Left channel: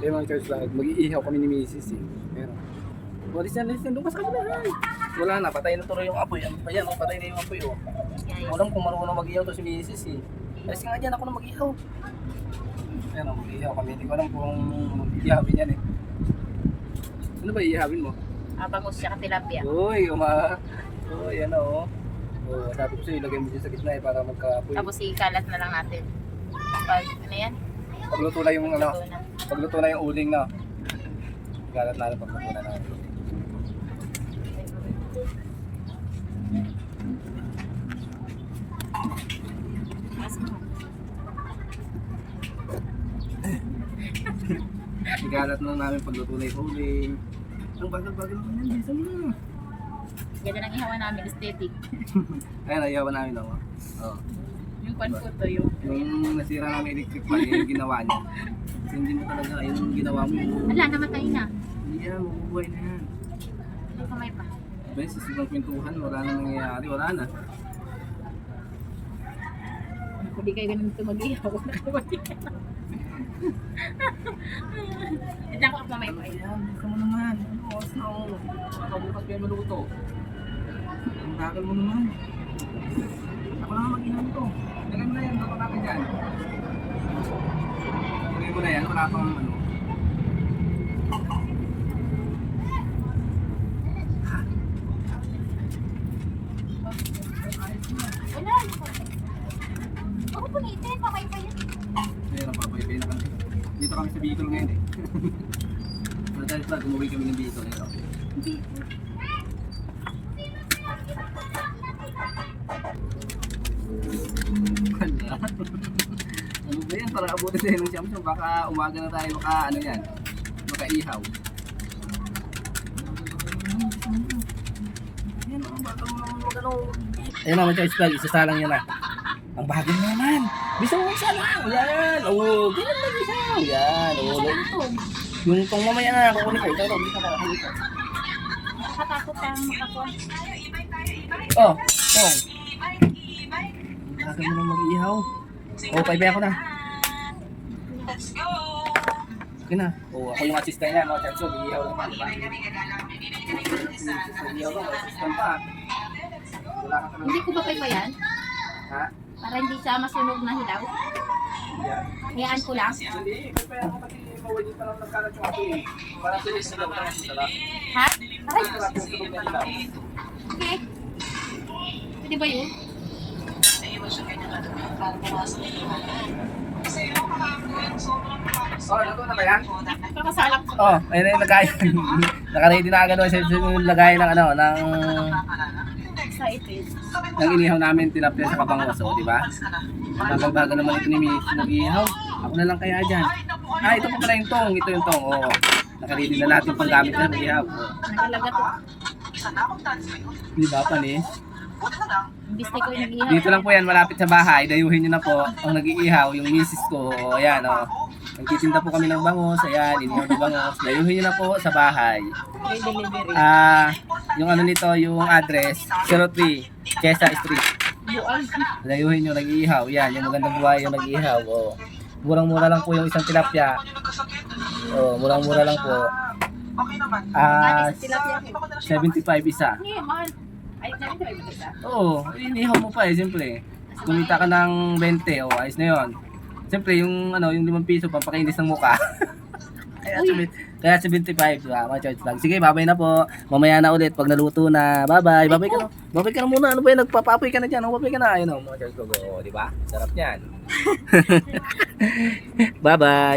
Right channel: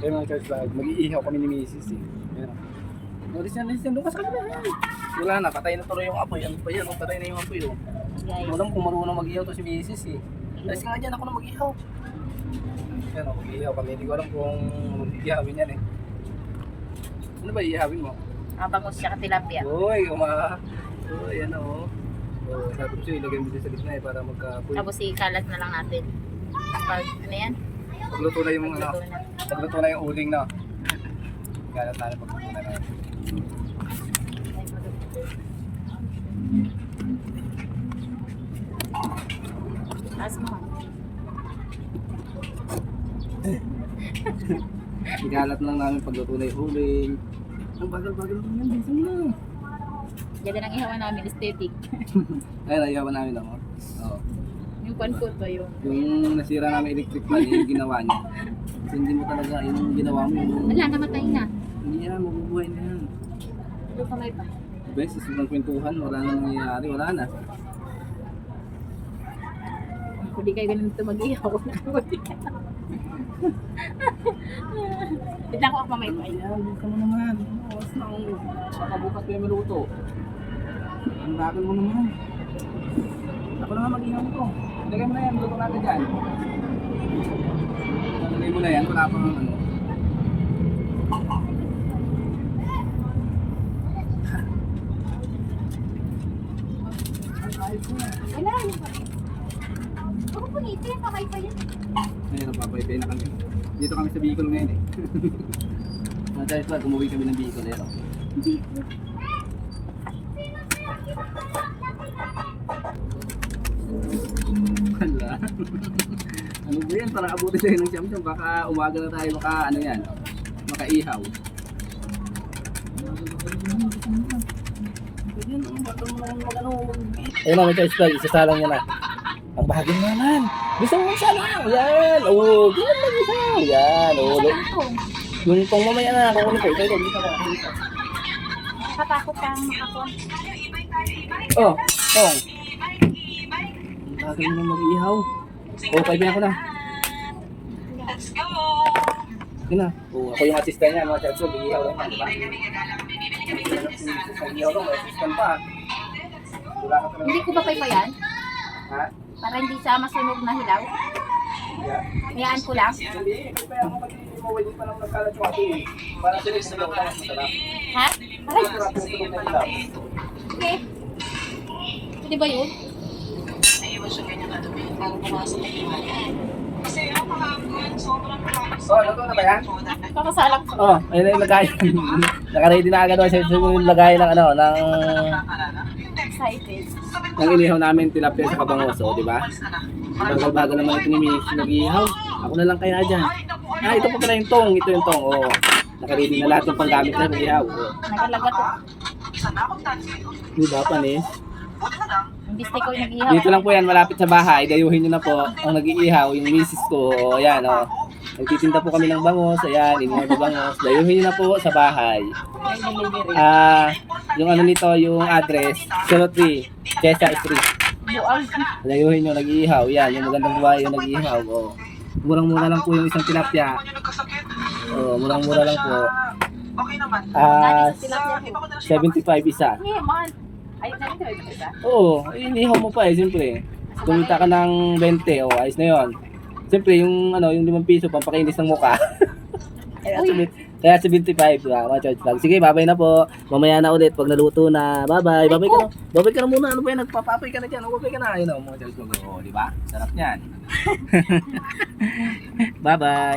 Kaya mga church vlog, mag-iihaw kami ni Mrs. eh. Pero, listen, doon ka sa kabila. Wala na, patay na tuloy yung apoy. Ano pa yan? Oh, patay na yung apoy. Oh. Guys. Walang kung marunong mag-ihaw to si Mrs. eh. Alis nga dyan, ako na mag-ihaw. Ayan o, mag-ihaw kami. Hindi ko alam kung mag-ihawin yan eh. Ano ba ihawin mo? Bangus siya tilapia. Uy, Uy, yan o. Oh, sabi ko sa'yo, ilagay mo dyan sa gitna eh para magka-apoy. Tapos ikalat na lang natin. Pag ano yan? Pagluto na yung ano, Luto na. pagluto na yung uling na. Galat na pagluto na natin. As mo. Igalat lang namin pagluto na yung uling. Ang bagal-bagal naman yan, bisa mo na. Ganda ng ihawan namin, aesthetic. Ayun, nahiyawan namin ako. Oh. Yung pan ko to yung. Yung nasira namin electric fan, yung ginawa niya. Kasi hindi mo talaga, yung ginawa mo yung... Wala, namatay na. Hindi yan, mabubuhay na yan. Hindi pa may pa. Bes, sa silang kwentuhan, wala na nangyayari, wala na. Hindi kayo ganun ito mag-ihaw. Hindi ako mamay pa. Ayan, buka mo naman. Oras na ako. Mabukat kayo maluto. Ang bakal mo naman. Ako na nga mag-ihaw ko. Lagay mo na yan, luto natin dyan. Lagay mo na yan, wala pang ano. Wala. Ako pungitin, mamay pa yun. Ayun, napapaypay na kami. Dito kami sa Bicol ngayon eh. Dahil pag umuwi kami ng Bicol, ito. Hindi. Wala. Ano ba yan? Para abutin tayo ng siyam-siyam. Baka umaga na tayo, baka ano yan. Makaihaw. Ayun na, mag-charge plug. Isasalang niya na. Ang bagay naman. Gusto mo salang. Yan. Oo. Ganyan lang isaw. Yan. Oo. Yung pang mamaya na nakukulit ko. Pero dito ko. Nakatakot kang makakon. Oh. Oh. Ang bagay naman mag-ihaw. Oh, kaibigan ako na. Let's go! Sige na. Oh, ako yung assistant niya. Mga charge. Mag-ihaw lang. Mag-ihaw ka. Assistant pa. Wala ka pa naman. Hindi ko ba kayo pa yan? Ha? Para hindi siya masunog na hilaw. Hayaan ko lang. Hindi. Kaya ako pati mawali pa naman nagkalat yung ato eh. Para sila sa ilaw. Ha? Aray, okay. Pwede ba yun? Naiwan siyang ganyan kadumi para pumasok na iwanan. Kasi yung kahapon, sobrang kahapon. Oh, luto na ba yan? Kakasalak ko. Oh, ayun na yung lagay. Nakaready na agad sa yung lagay ng ano, ng Excited. ng inihaw namin tilapia sa kabangoso, di ba? Bagal-bagal naman ito ni Miss nag-ihaw. Ako na lang kaya dyan. Ah, ito pa pala yung tong. Ito yung tong. Oh. Nakaready na lahat yung panggamit na nag-ihaw. Oh. Nakalagat ko. Isa na akong tansi. Di ba, Panis? Buti na lang. Imbis ko yung nag-ihaw. Dito lang po yan, malapit sa bahay. Dayuhin nyo na po ang nag-iihaw, yung misis ko. O, ayan, o. Nagtitinda po kami ng bangos. Ayan, inihaw na bangos. Dayuhin nyo na po sa bahay. May delivery. Yung ano nito, yung address, 03, Quezon Street. Buol. Dayuhin nyo, nag-iihaw. Yan, yung magandang buhay yung nag-iihaw. O. Murang-mura lang po yung isang tilapia. Kung yung nagkasakit. O, murang-mura lang po. Okay naman. Kani sa tilapia Iba ko. ko na siya. 75 isa. Hindi, mahal. Ayun na rin tayo isa. Oo, inihaw mo pa eh, siyempre. Kumita ka ng 20, o ayos na yun. Siyempre, yung ano, yung 5 piso, pampakinis ng mukha. Kaya 75, mga charge vlog. Sige, babay na po. Mamaya na ulit pag naluto na. Bye-bye. Babay ka na. Babay ka na muna. Ano ba yan? Nagpapapoy ka na dyan. Babay ka na. Ayun o, mga charge vlog. O, di ba? Sarap yan. Bye-bye.